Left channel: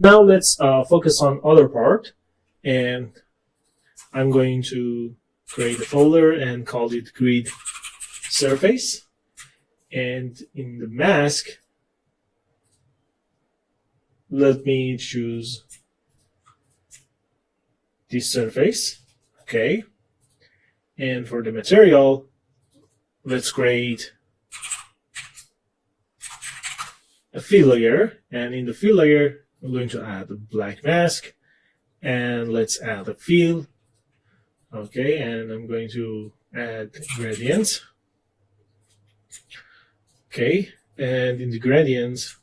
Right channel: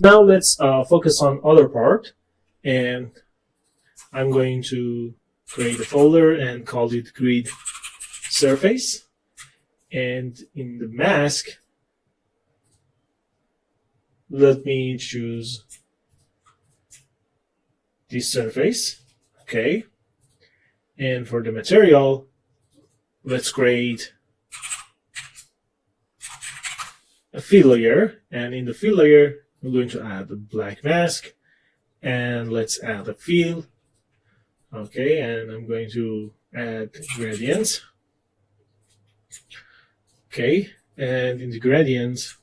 Now let's focus on other part, and I'm going to create a folder and call it grid surface. And in the mask, let me choose this surface. Okay. And for the material, let's create a fill layer. And in the fill layer, I'm going to add a black mask. And let's add a fill. Okay, and I'm going to add gradients. Okay, and in the gradients,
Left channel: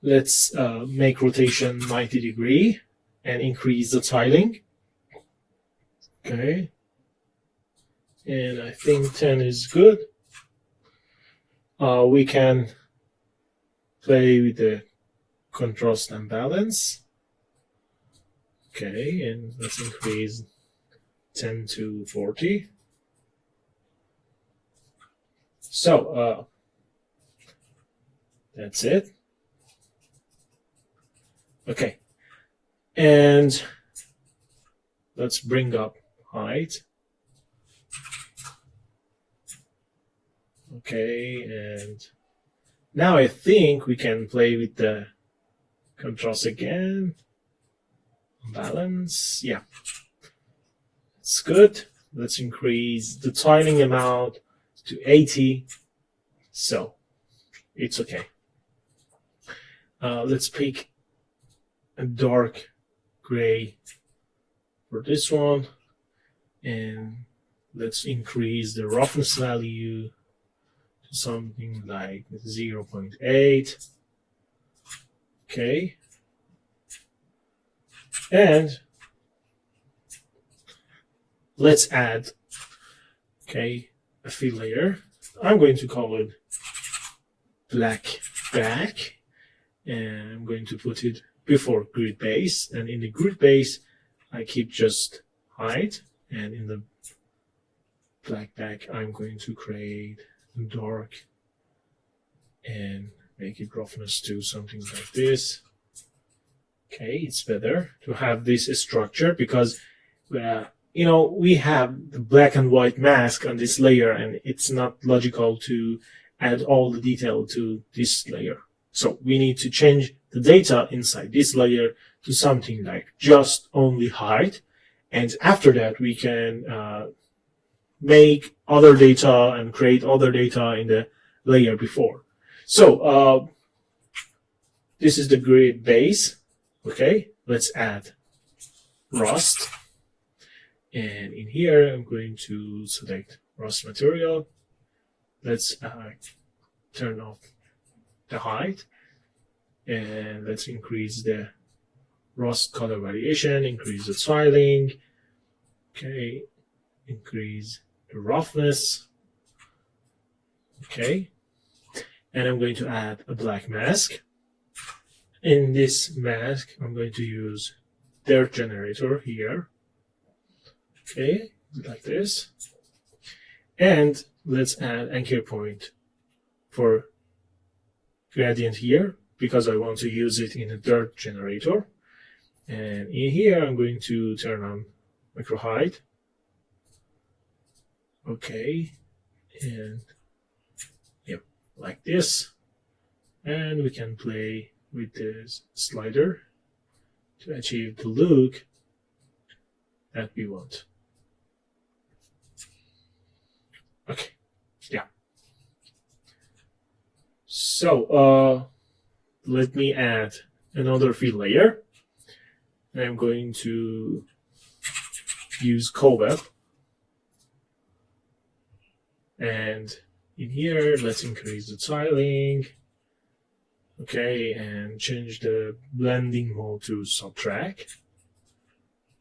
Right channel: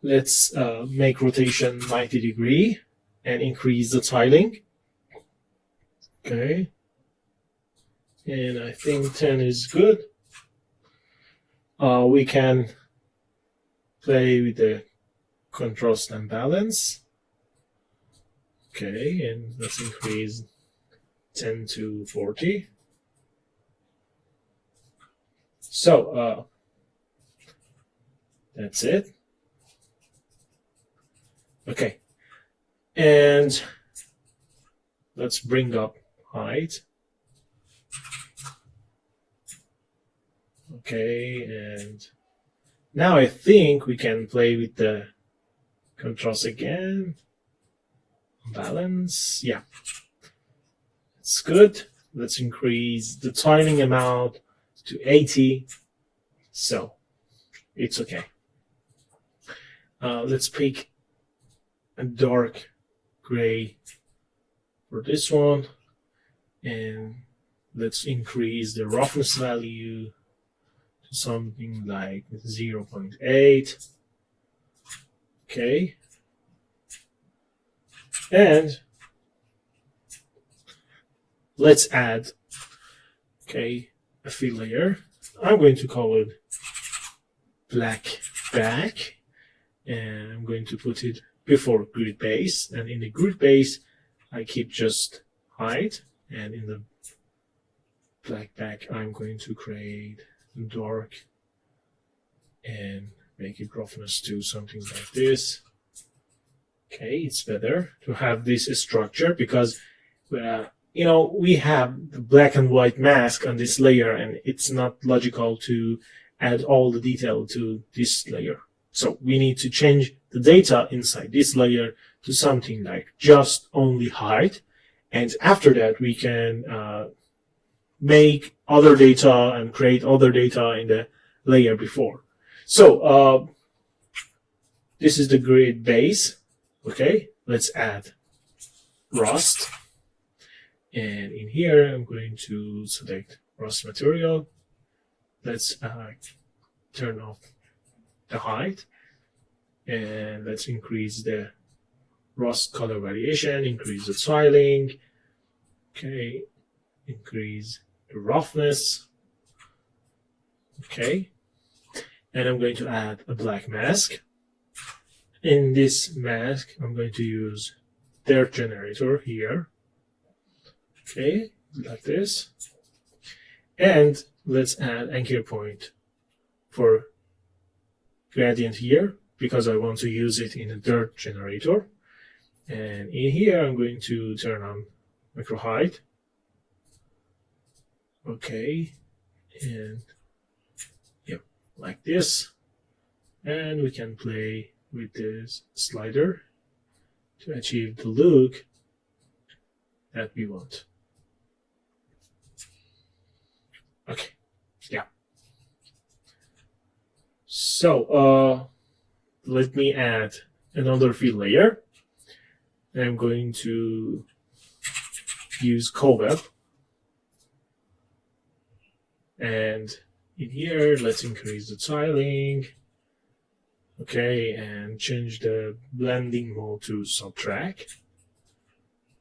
let's make rotation 90 degree and increase the tiling. Okay, and I think 10 is good. We can play with the contrast and balance. Okay, and let's increase 10 to 40. So that's it. Okay, and let's bring up height. Okay, and now I think we can play with the contrast again. Balance, yeah, it's good. Let's increase the tiling amount to 80, so it's okay. Let's pick a dark gray for this one, and let's increase the roughness value to something like 0.8. Okay, and let's add a fill layer. I'm going to call it black back, and I'm going to put it before grid base, and in the grid base I keep just height, and in the black back I'm going to create dark and make it roughness to something like this. Okay, it's better to have this structure because we have the black and white mask on this layer, and it's not logical to add all the detail to this layer. So we need to change the data inside this layer to something like just only height, and after that we can make other data and create other data in the layer before. So this is the grid base. Okay, let's add rust. And in here, I'm going to select rust material. Let's turn off the height. And let's increase the rust color variation, increase the tiling. Okay, increase the roughness. Okay, and I'm going to add a black mask. In this mask, I'm going to use dirt generator here. Okay, like this. And let's add anchor point for gradient here because I want to use it in a dirt generator. And in here, I'm going to turn on macro height. Okay, and yeah, like this. And we can play with this slider to achieve the look that we want. Okay, yeah. So let me add another fill layer. And I'm going to use cobweb. And in here, let's increase the tiling. Okay, and change the blending mode to subtract.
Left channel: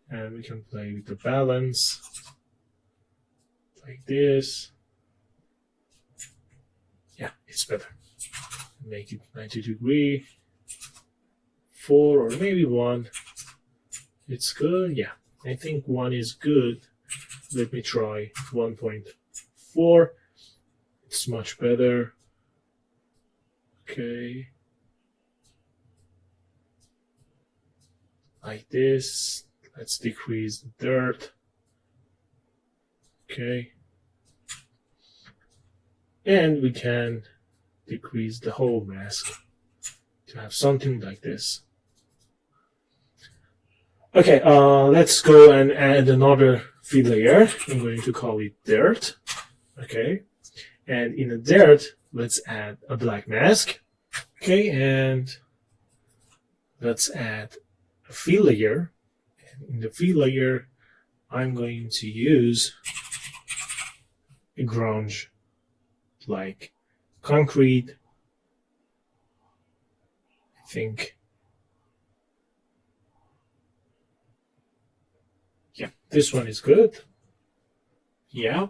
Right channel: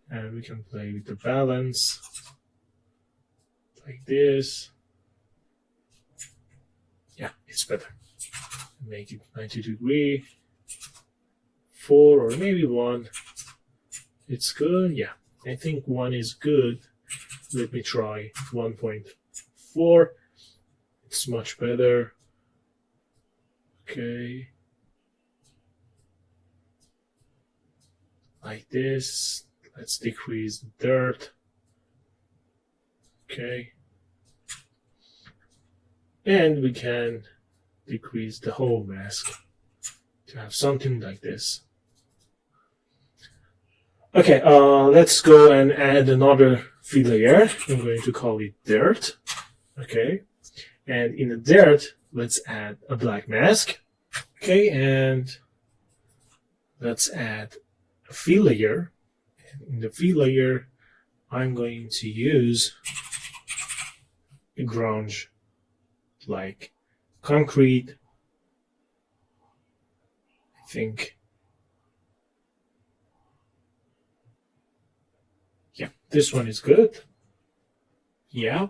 And we can play with the balance like this. Yeah, it's better. Make it 90 degree, 4 or maybe 1. It's good. Yeah, I think 1 is good. Let me try 1.4. It's much better. Okay. like this. Let's decrease the dirt. Okay. And we can decrease the whole mask to have something like this. Okay, let's go and add another fill layer. I'm going to call it dirt. Okay, and in the dirt, let's add a black mask. Okay, and let's add a fill layer. In the fill layer, I'm going to use a grunge like concrete. I think, yeah, this one is good. Yeah,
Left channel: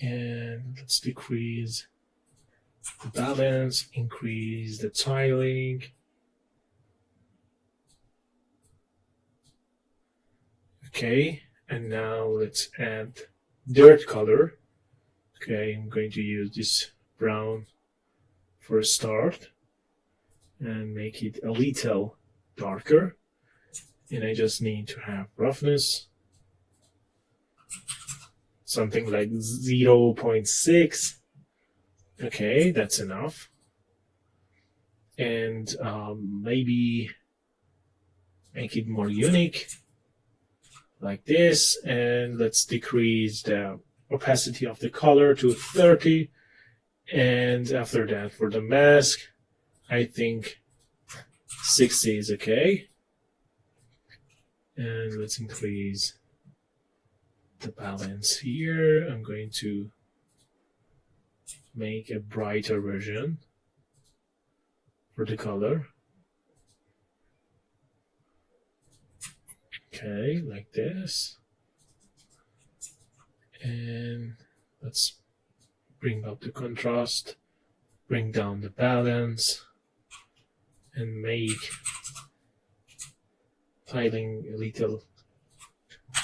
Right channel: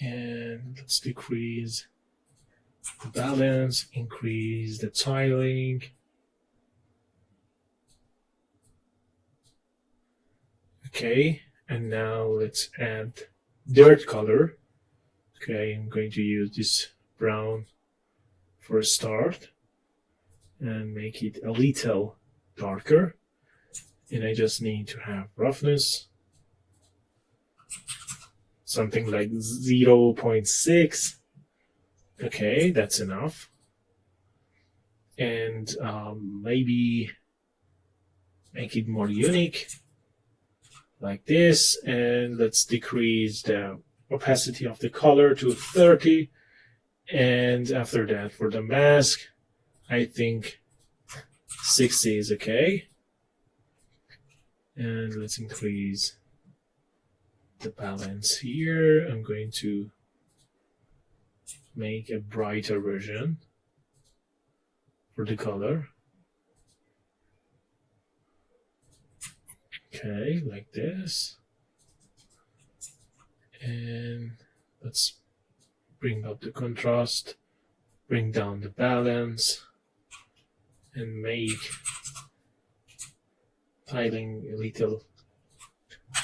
and let's decrease the balance, increase the tiling. Okay, and now let's add dirt color. Okay, I'm going to use this brown for a start and make it a little darker. And I just need to have roughness, something like 0.6. Okay, that's enough. And maybe make it more unique, like this. And let's decrease the opacity of the color to 30. And after that, for the mask, I think 60 is okay. And let's increase the balance here. I'm going to make a brighter version for the color. Okay, like this. And let's bring up the contrast, bring down the balance, and make tiling a little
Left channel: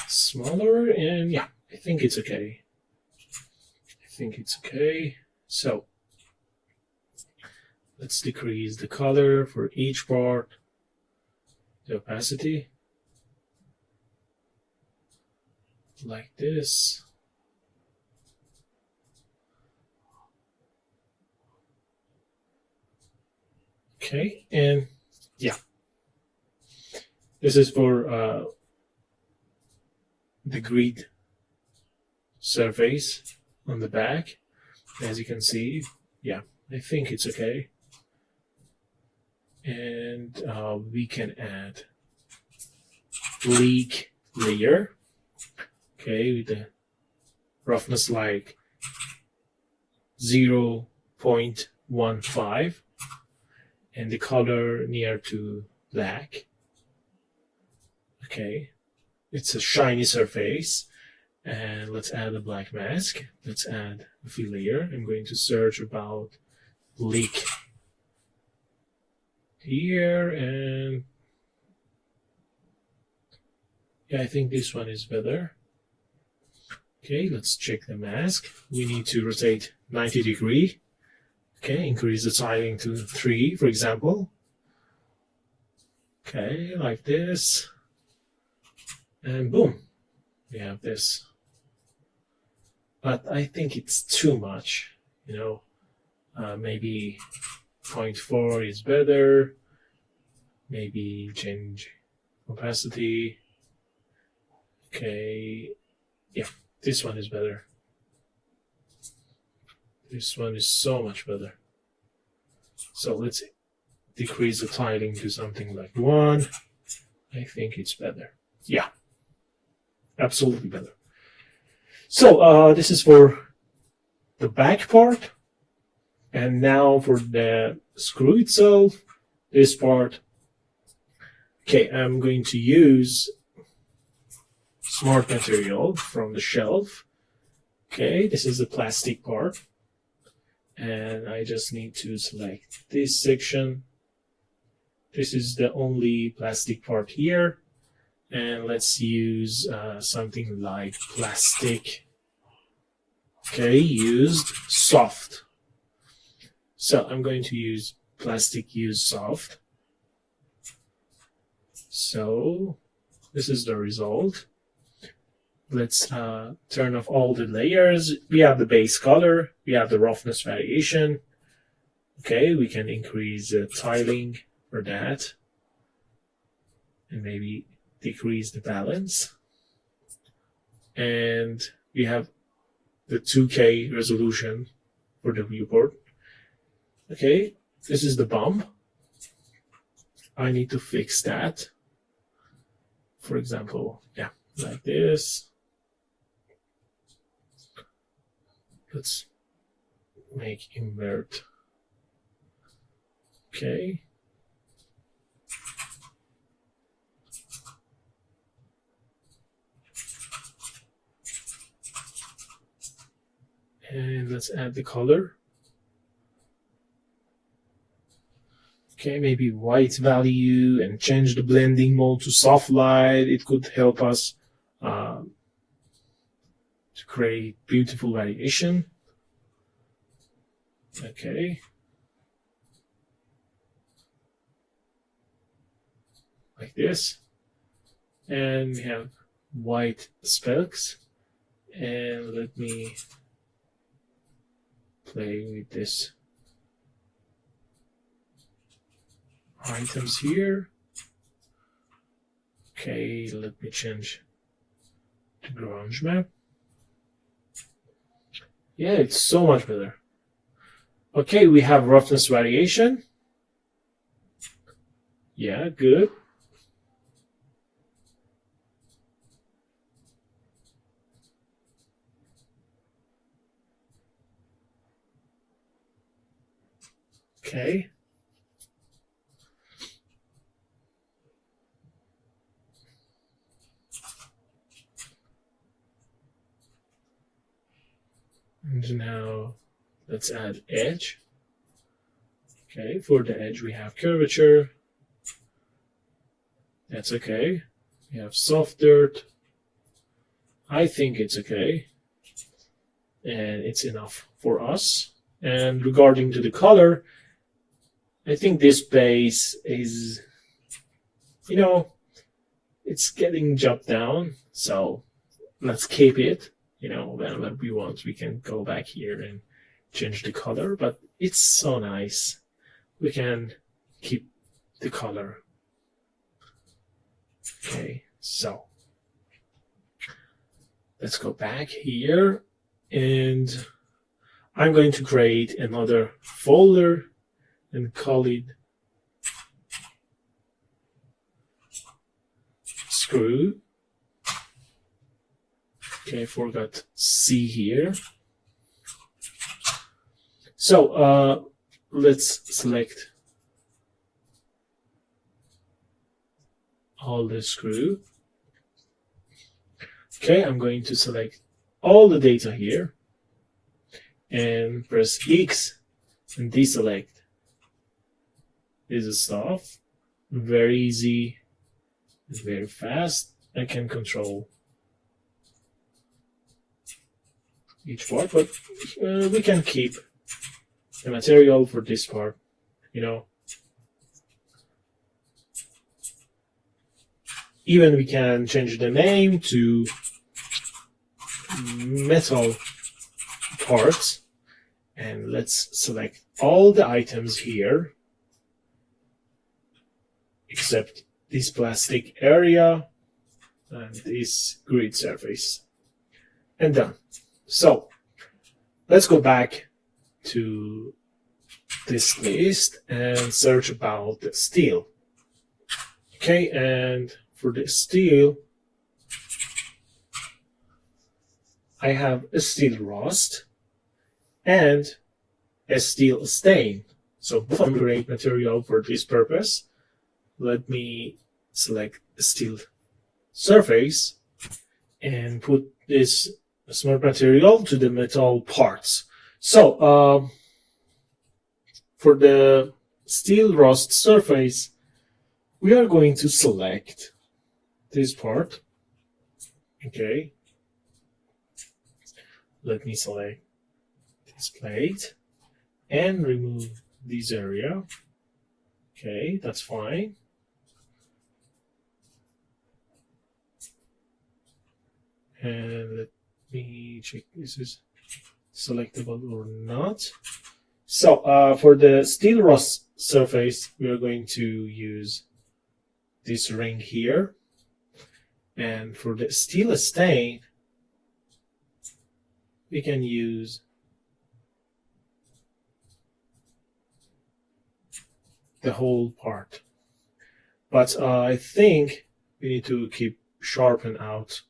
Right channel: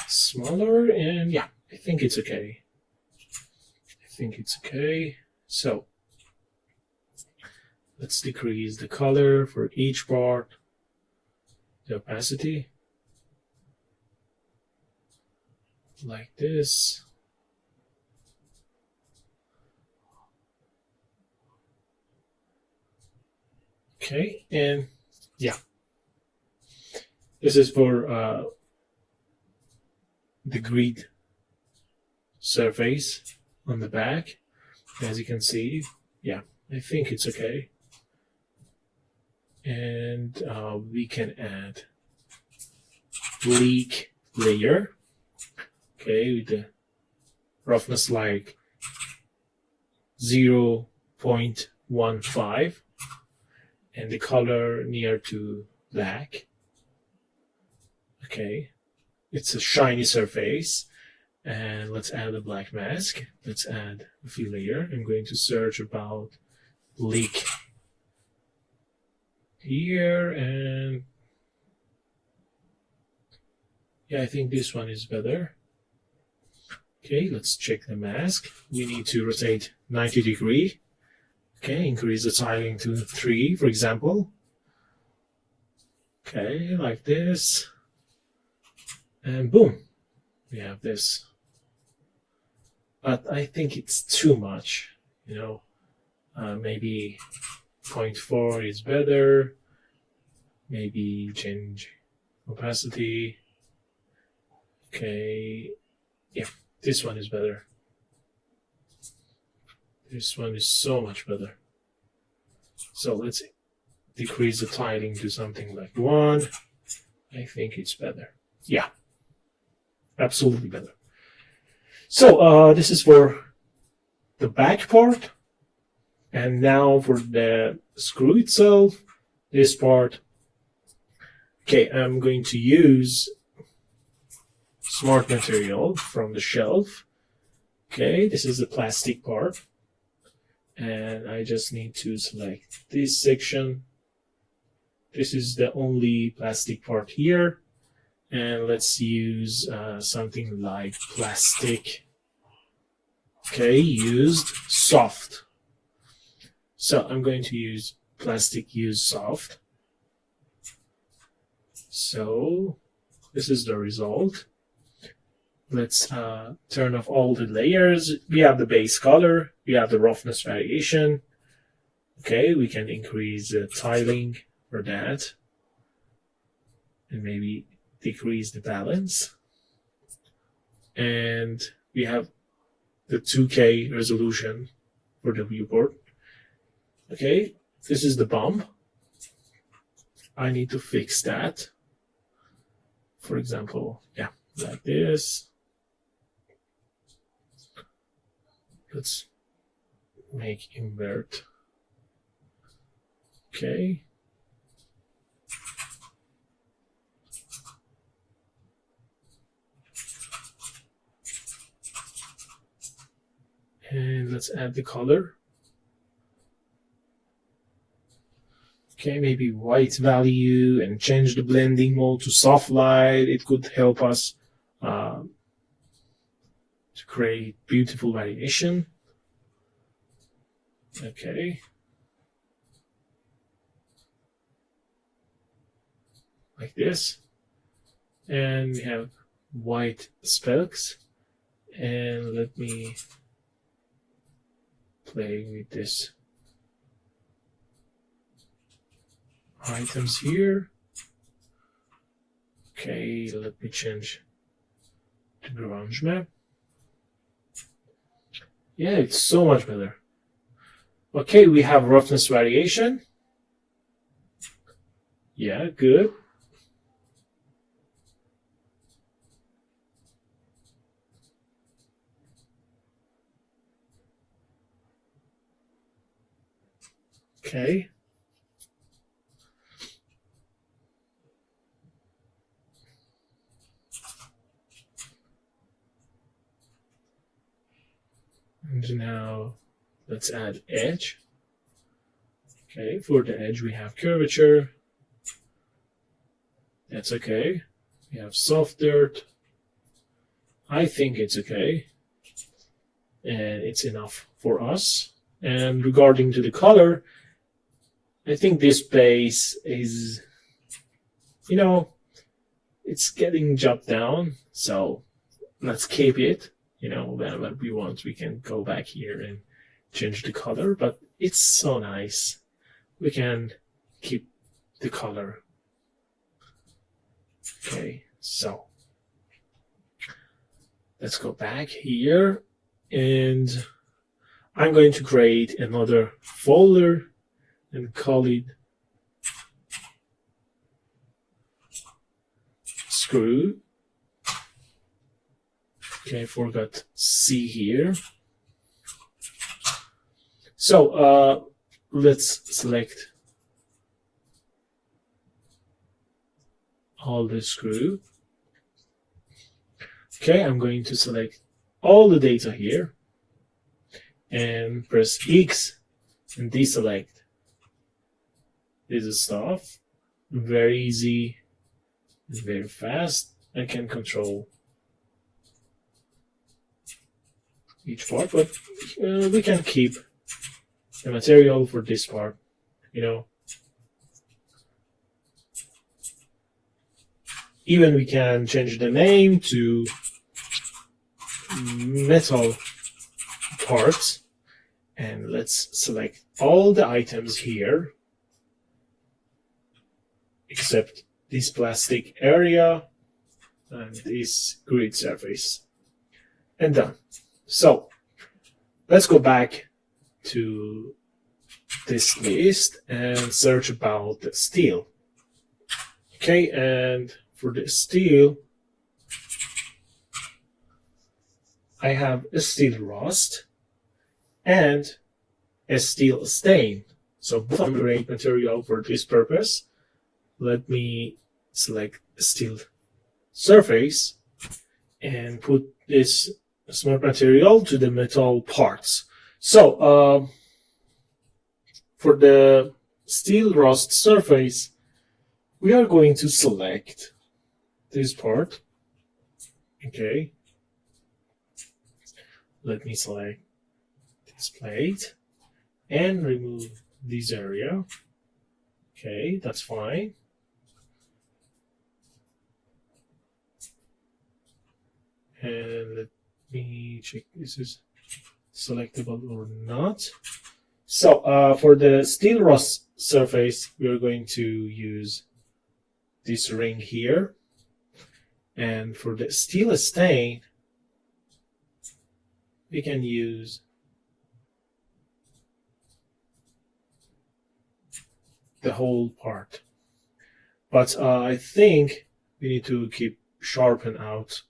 smaller. And yeah, I think it's okay. So let's decrease the color for each part, the opacity, like this. Okay, and yeah, this is for the grid surface on the back. As you can see, yeah, I think it's okay. And we can add leak layer. Okay, with the roughness like 0.15 and the color near to black. Okay, it's a shiny surface. And let's add a black mask. Let's add a fill layer. I'm going to search about leak here, and yeah, I think this one is better. Okay, let's check the mask. We need to rotate 90 degrees. Okay, increase the tiling to 3, for example. Okay, like this. And boom, we have this. But I think it's too much, you know. Maybe 0.4 is better. Maybe change opacity. Okay, yeah, this one is better. This one is so much better. So let's decrease the tiling to something like 1. I think it's better. Yeah, absolutely better. So this is for the back part. And now for the screw itself, this part. Okay, I'm going to use smart material from the shelf. Okay, this is the plastic part. And I just need to select this section. This is the only plastic part here. And let's use something like plastic. Okay, used soft. So I'm going to use plastic used soft. So this is the result. Let's turn off all the layers. We have the base color. We have the roughness variation. Okay, we can increase the tiling for that. And maybe decrease the balance. And we have the 2K resolution for the viewport. Okay, this is the bump. I need to fix that. For example, yeah, like this. Let's make invert. Okay. And let's add the color. Okay, maybe white value and change the blending mode to soft light. It could help us to create beautiful variation. Okay. Like this. And we have white specks. And let me play with this items here. Okay, let me change the grunge map. Yeah, it's so much better. Okay, we have roughness variation. Yeah, good. Okay. And now let's add edge. Okay, for the edge we have curvature. That's okay. We have soft dirt. I think it's okay. And it's enough for us. And regarding to the color, I think this base is, you know, it's getting jumped down. So let's keep it. You know, whenever we want, we can go back here and change the color. But it's so nice. We can keep the color. Okay, so let's go back here. And I'm going to create another folder and call it screw. Okay, I forgot C here. So let's select all the screw. Okay, I'm going to select all the data here and press X and deselect. This is stuff. Very easy, very fast. I can control each part, but we can keep the material for this part, you know. Even we can change the name to metal parts, and let's select all the items here except this plastic area and this grid surface, and done. So let's go back to this list and search about the steel. Okay, and for the steel, I have a steel rust and a steel stain. So both are great material for this purpose. Let me select a steel surface and put this smart material to the metal parts. So for the steel rust surface, we are going to select this part. Okay. Let me select this plate and remove this area. Okay, that's fine. And let me check this is selectable or not. So for the steel rust surface, we are going to use this ring here. And for the steel stain, we can use the whole part. But I think we need to keep sharpen out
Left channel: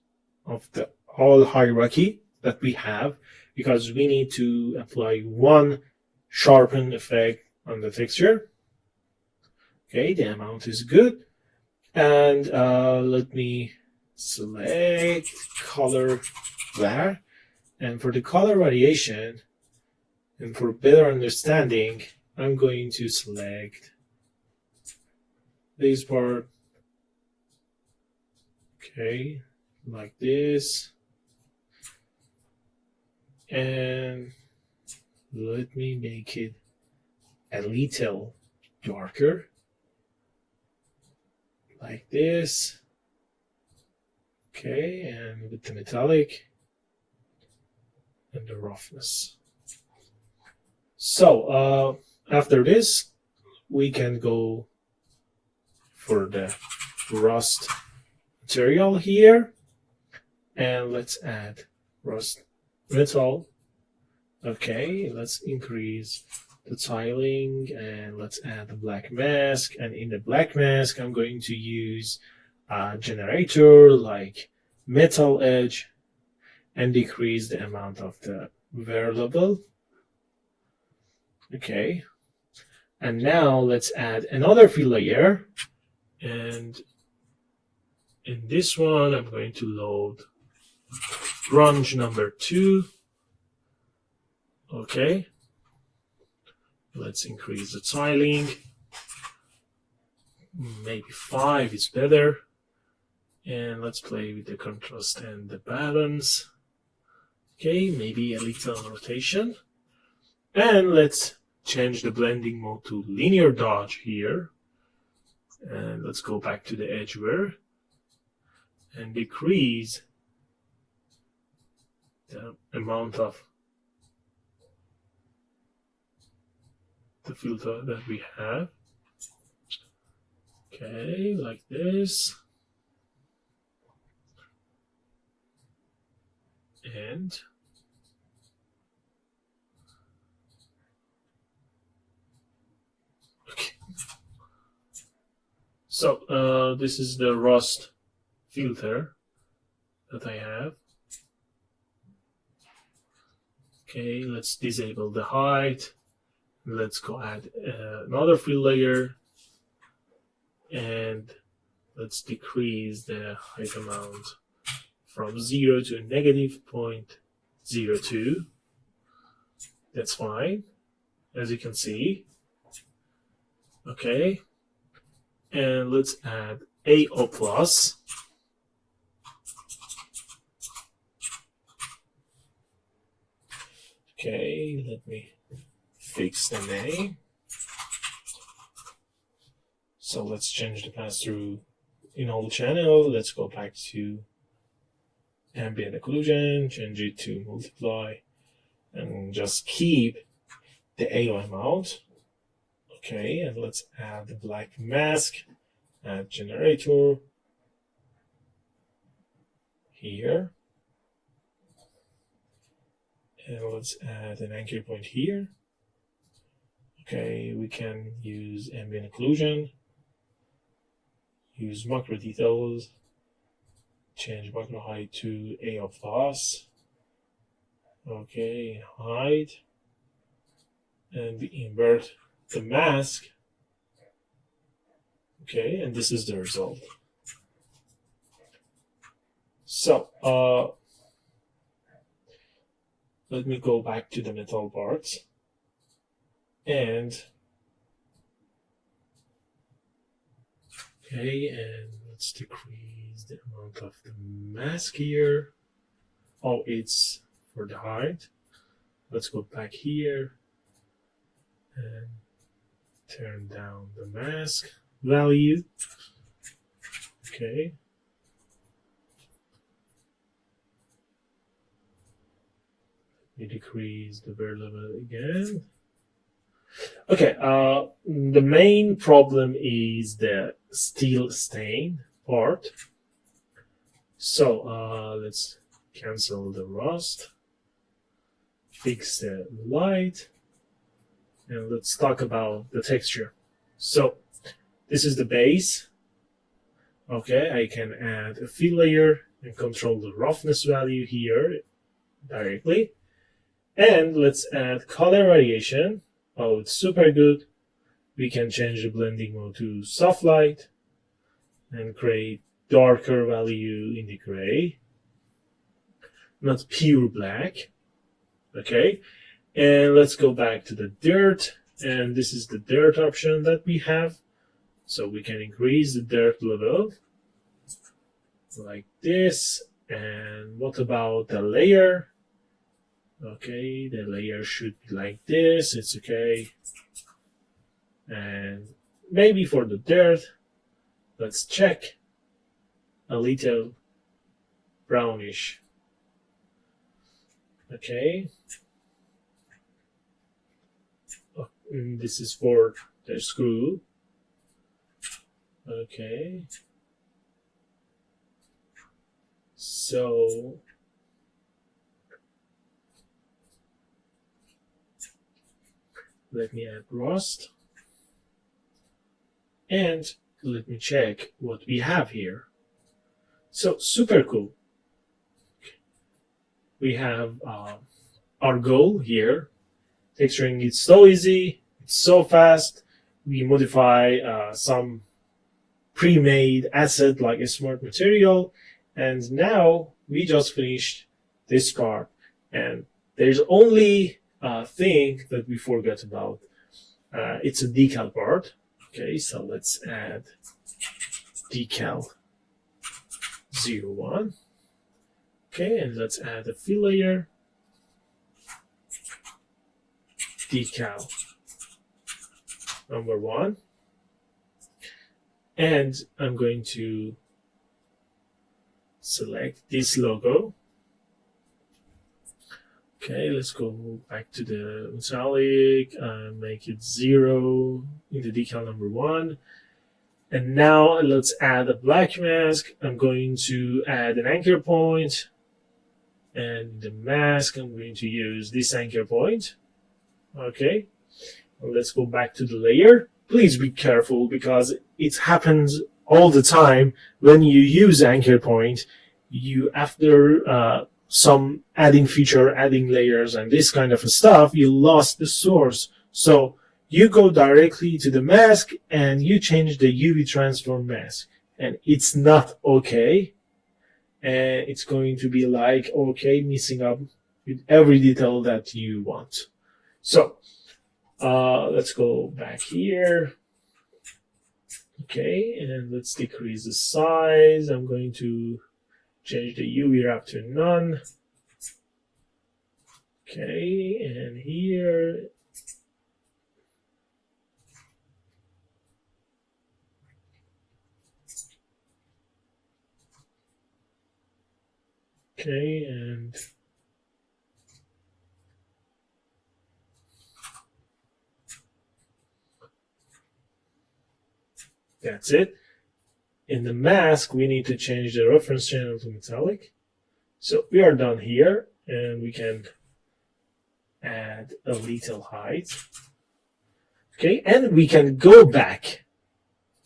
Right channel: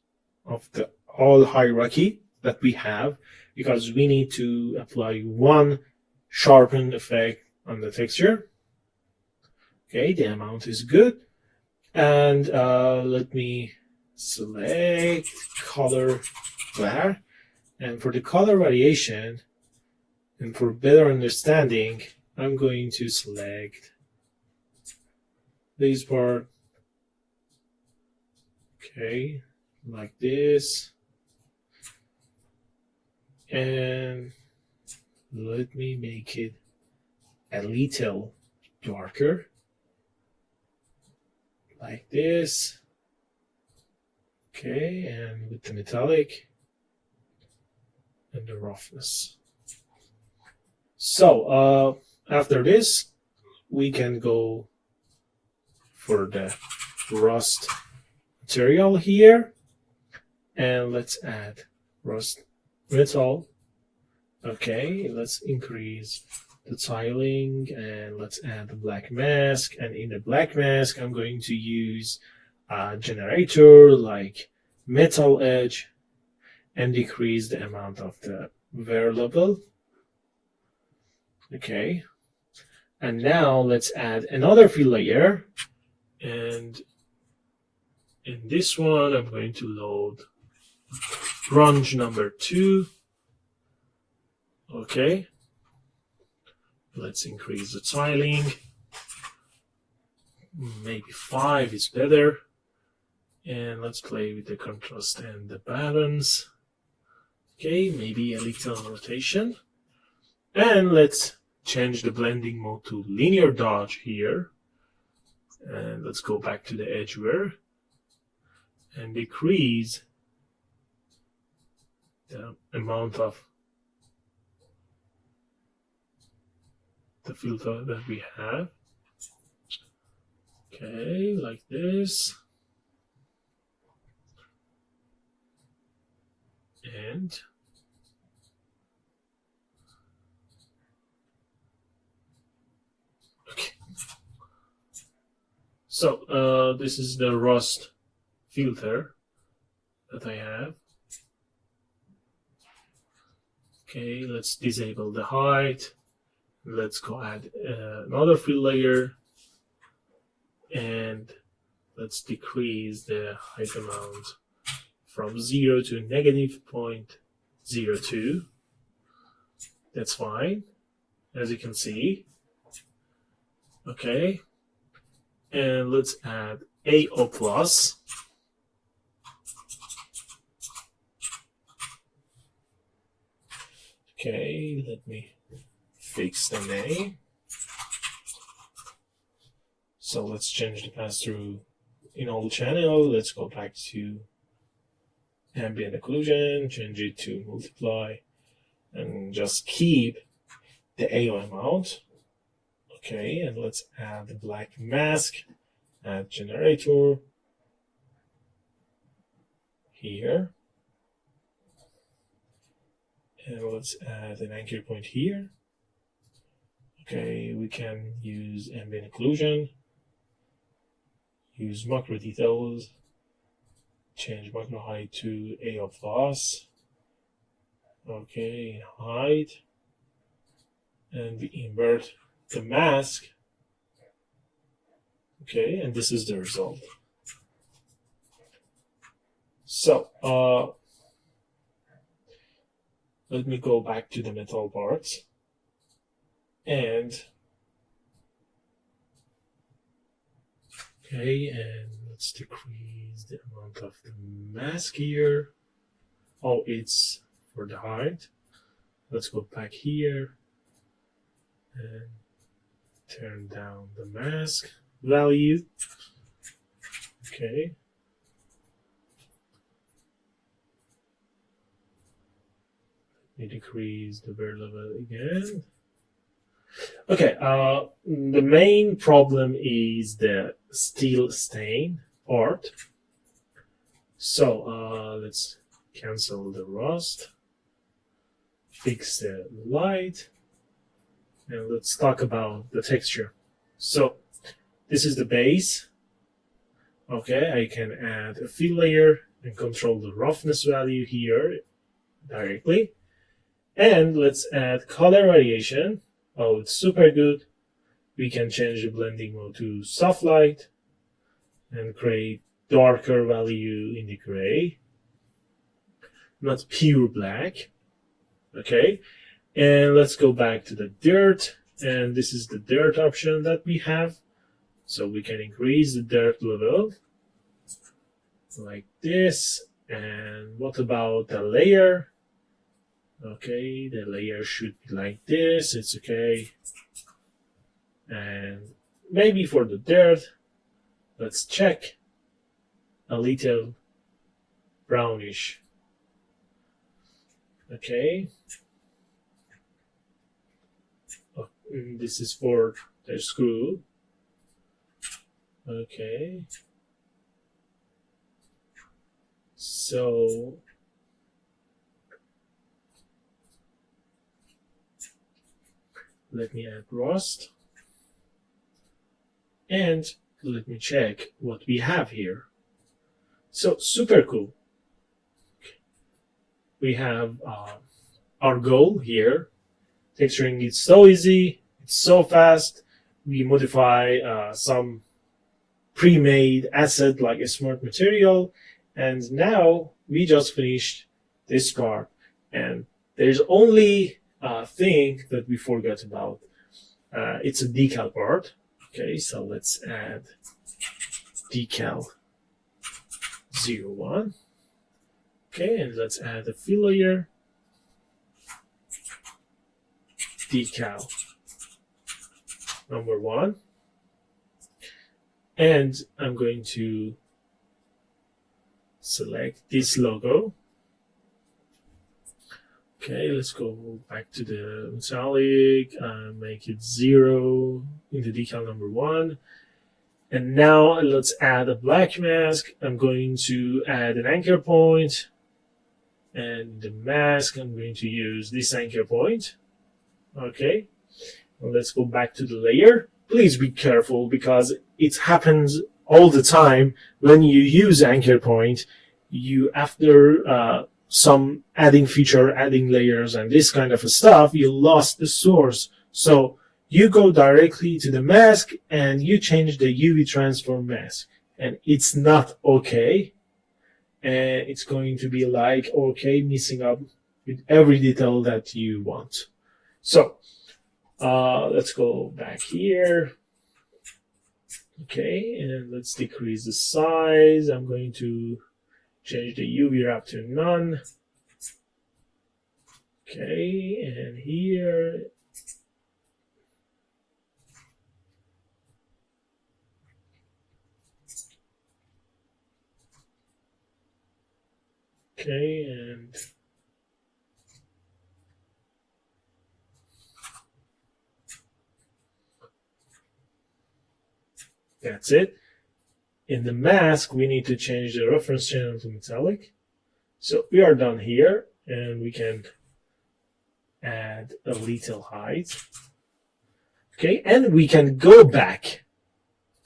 of the whole hierarchy that we have, because we need to apply one sharpen effect on the texture. Okay, the amount is good. And let me select color there. And for the color variation, and for better understanding, I'm going to select this part. Okay, like this. And let me make it a little darker, like this. Okay, and with the metallic and the roughness. So after this, we can go for the rust material here, and let's add rust metal. Okay, let's increase the tiling, and let's add the black mask. And in the black mask, I'm going to use a generator like metal edge and decrease the amount of the wear level. Okay, and now let's add another fill layer, and in this one I'm going to load grunge number 2. Okay, let's increase the tiling, maybe 5 is better, and let's play with the contrast and the balance. Okay, maybe a little rotation, and let's change the blending mode to linear dodge here, and let's go back to the edge wear and decrease the amount of the filter that we have. Okay, like this. And okay. So this is the rust filter that I have. Okay, let's disable the height. Let's go add another fill layer, and let's decrease the height amount from 0 to -0.02. That's fine, as you can see. Okay, and let's add AO plus. Okay, let me fix the name. So let's change the pass-through in whole channel. Let's go back to ambient occlusion, change it to multiply, and just keep the AO amount. Okay, and let's add the black mask, add generator here. And let's add an anchor point here. Okay, we can use ambient occlusion, use macro details, change macro height to AO plus. Okay, height, and we invert the mask. Okay, and this is the result. So let me go back to the metal parts, and okay, and let's decrease the amount of the mask here. Oh, it's for the height. Let's go back here and turn down the mask value. Okay. We decrease the bear level again. Okay, the main problem is the steel stain part. So let's cancel the rust, fix the light, and let's talk about the texture. So this is the base. Okay, I can add a fill layer and control the roughness value here directly. And let's add color variation. Oh, it's super good. We can change the blending mode to soft light and create darker value in the gray, not pure black. Okay, and let's go back to the dirt, and this is the dirt option that we have. So we can increase the dirt level like this. And what about the layer? Okay, the layer should be like this. It's okay. And maybe for the dirt, let's check a little brownish. Okay. Oh, this is for the screw. Okay. So let me add rust. And let me check what we have here. So super cool. We have our goal here. Texturing is so easy, it's so fast. We modify some pre-made asset like a smart material, and now we just finished this part. And there's only a thing that we forgot about. It's a decal part. Okay, so let's add decal 01. Okay, and let's add a fill layer. Decal number 1. And I'm going to select this logo. Okay, let's go back to the metallic, make it 0 in the decal number 1. And now let's add a black mask. I'm going to add an anchor point. And the mask, I'm going to use this anchor point. Okay, well, let's go back to the layer. Please be careful because it happens all the time when you use anchor point. You, after some adding feature, adding layers and this kind of stuff, you lost the source. So you go directly to the mask and you change the UV transform mask, and it's not okay. And it's going to be like, okay, messing up with every detail that you want. So let's go back here. Okay, and let's decrease the size. I'm going to change the UV wrap to none. Okay, and here. Okay, and that's it. In the mask, we need to change the reference channel to metallic. So we are done here, and we can add a little height. Okay, and we can go back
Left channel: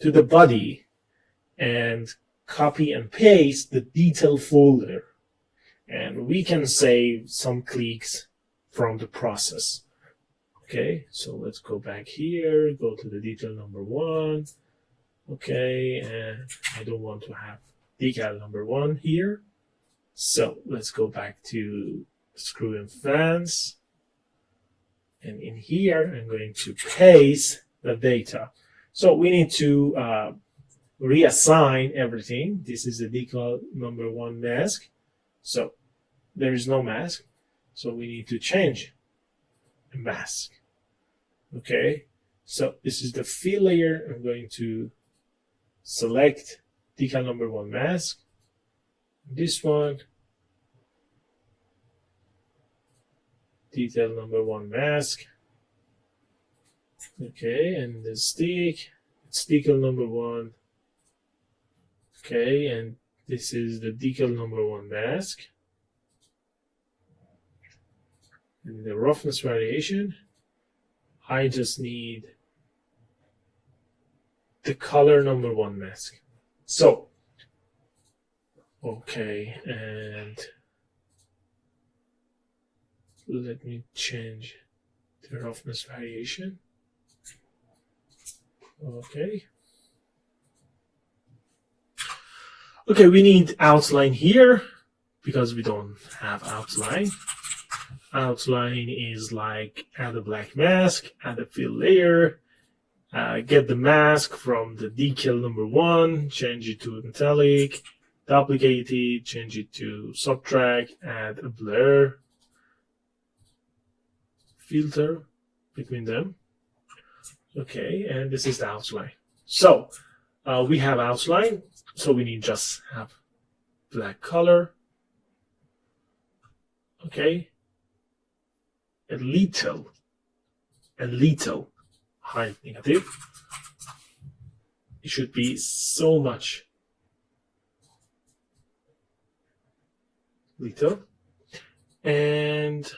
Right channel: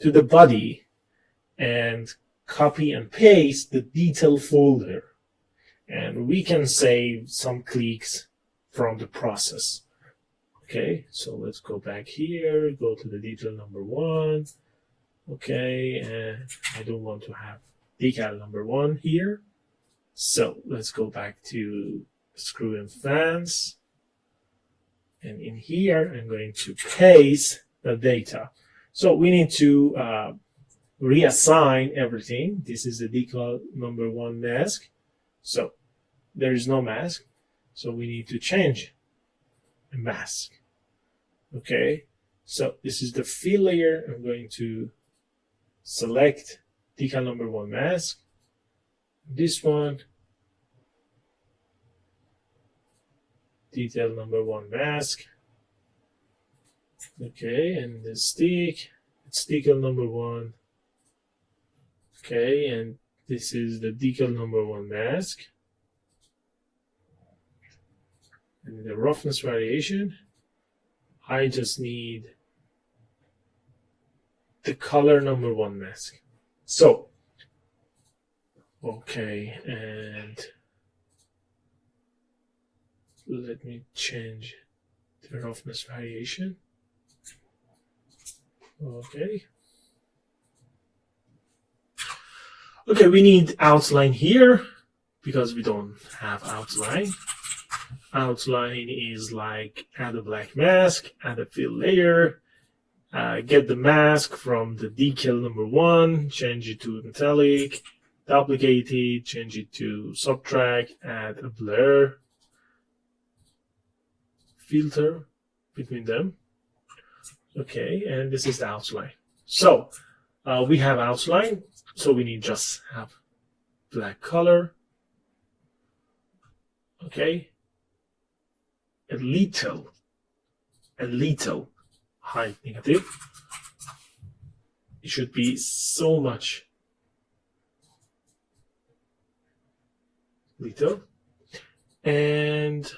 to the body and copy and paste the detail folder. And we can save some clicks from the process. Okay, so let's go back here, go to the detail number 1. Okay, and I don't want to have decal number 1 here. So let's go back to screw and fence. And in here, I'm going to paste the data. So we need to reassign everything. This is the decal number 1 mask. So there is no mask. So we need to change a mask. Okay, so this is the fill layer. I'm going to select decal number 1 mask. This one. detail number 1 mask. Okay, and the stick, it's decal number 1. Okay, and this is the decal number 1 mask. And the roughness variation, I just need the color number 1 mask. So, okay, and let me change the roughness variation. Okay. Okay, we need outline here because we don't have outline. Outline is like add a black mask, add a fill layer, get the mask from the decal number 1, change it to metallic, duplicate it, change it to subtract, add a blur filter between them. Okay, and this is the outline. So we have outline, so we need just have black color. Okay, a little height negative. It should be so much little, and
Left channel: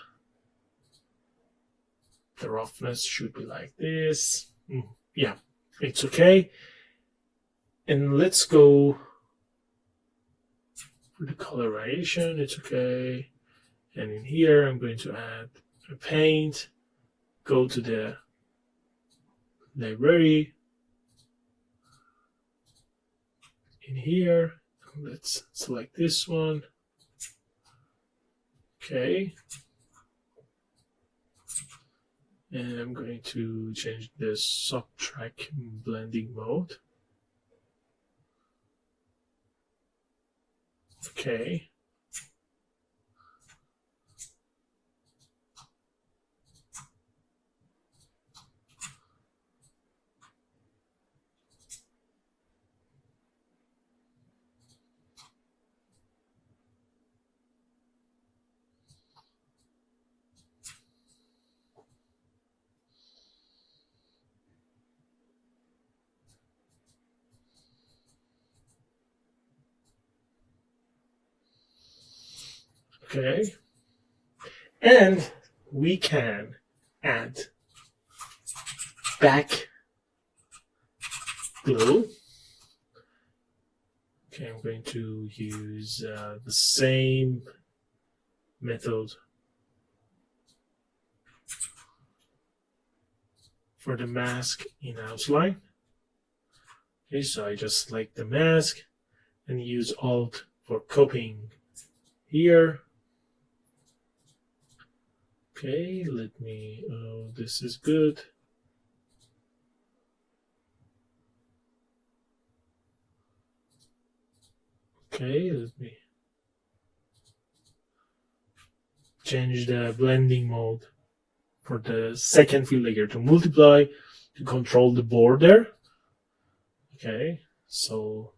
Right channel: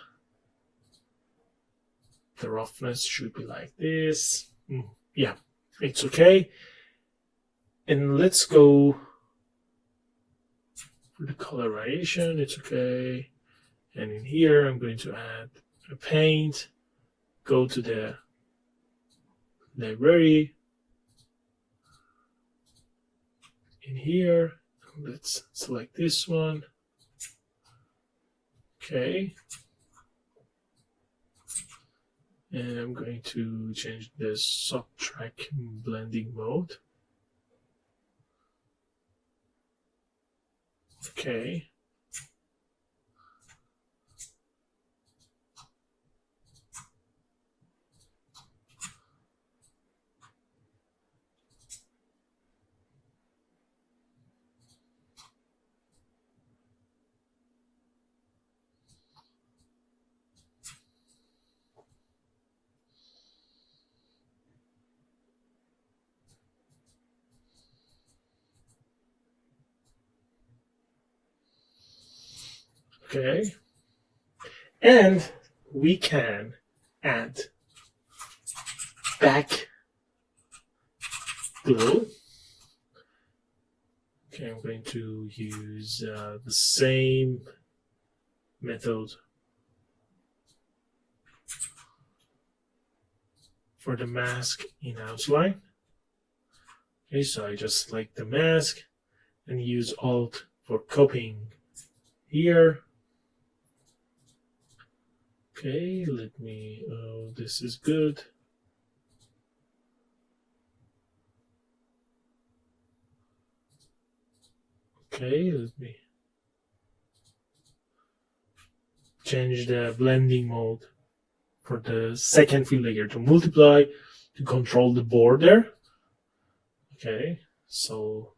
the roughness should be like this. Yeah, it's okay. And let's go for the coloration. It's okay. And in here, I'm going to add a paint. Go to the library. In here, let's select this one. Okay. And I'm going to change the subtract blending mode. Okay. Okay, and we can add back glue. Okay, I'm going to use the same method for the mask in outline. Okay, so I just select the mask and use Alt for copying here. Okay, let me, oh, this is good. Okay, let me change the blending mode for the second fill layer to multiply to control the border. Okay, so,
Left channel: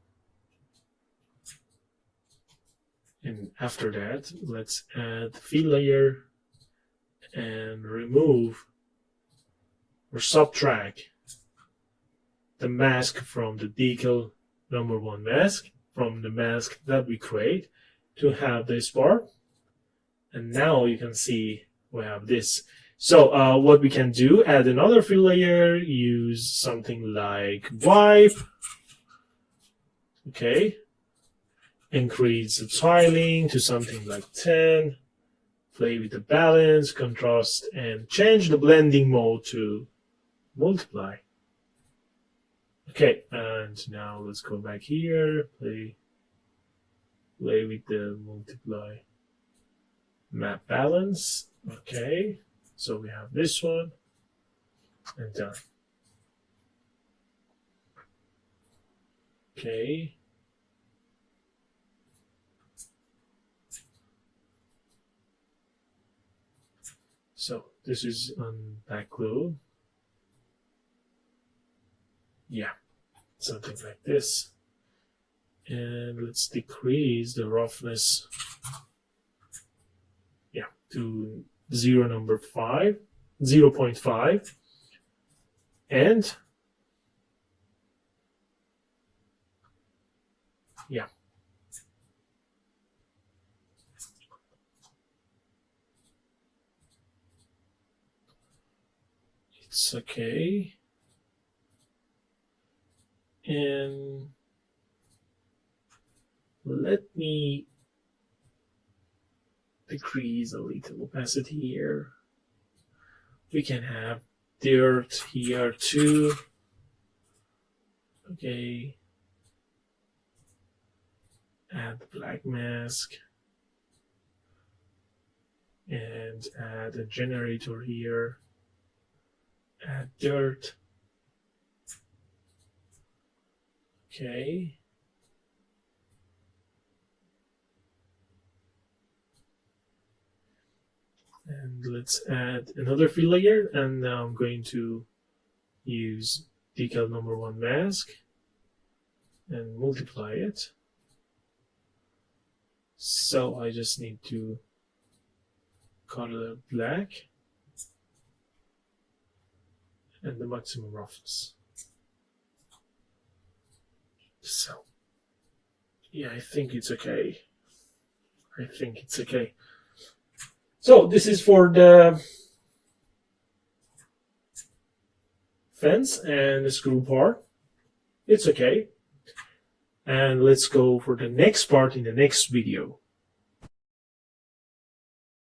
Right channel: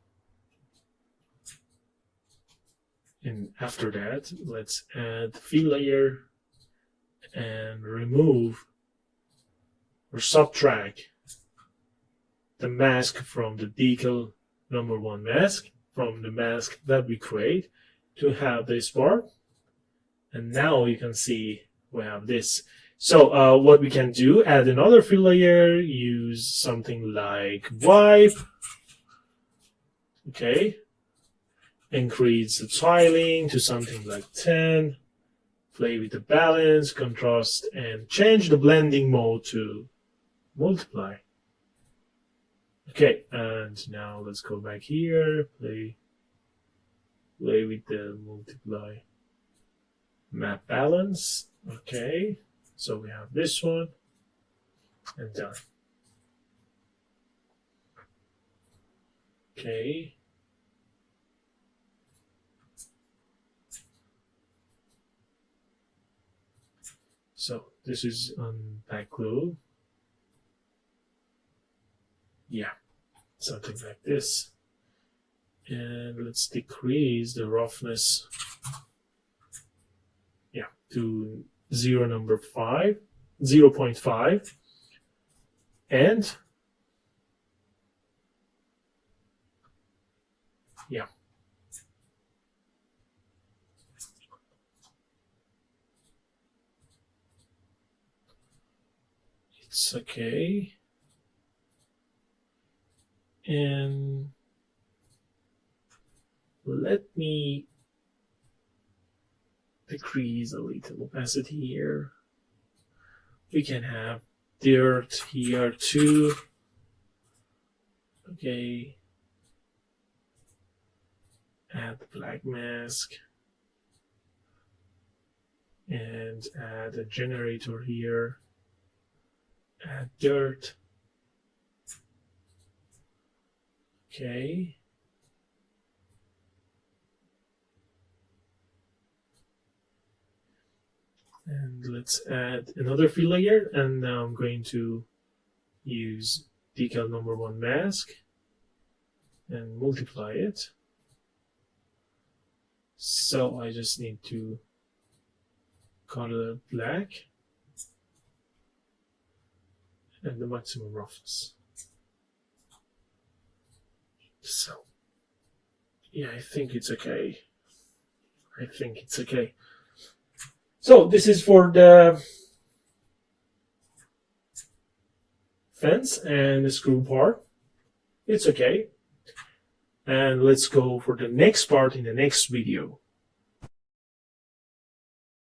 and after that, let's add fill layer and remove or subtract the mask from the decal number 1 mask from the mask that we create to have this part. And now you can see we have this. So what we can do, add another fill layer, use something like wipe. Okay, increase the tiling to something like 10. Play with the balance, contrast, and change the blending mode to multiply. Okay, and now let's go back here, play with the multiply map balance. Okay, so we have this one, and done. Okay. So this is on back glue. Yeah, something like this. And let's decrease the roughness. Yeah, to 0.5, and yeah. It's okay. And let me decrease a little opacity here. We can have dirt here too. Okay. Add black mask. And add a generator here. Add dirt. Okay. And let's add another fill layer, and now I'm going to use decal number 1 mask and multiply it. So I just need to color black and the maximum roughness. So yeah, I think it's okay. I think it's okay. So this is for the fence and the screw part. It's okay. And let's go for the next part in the next video.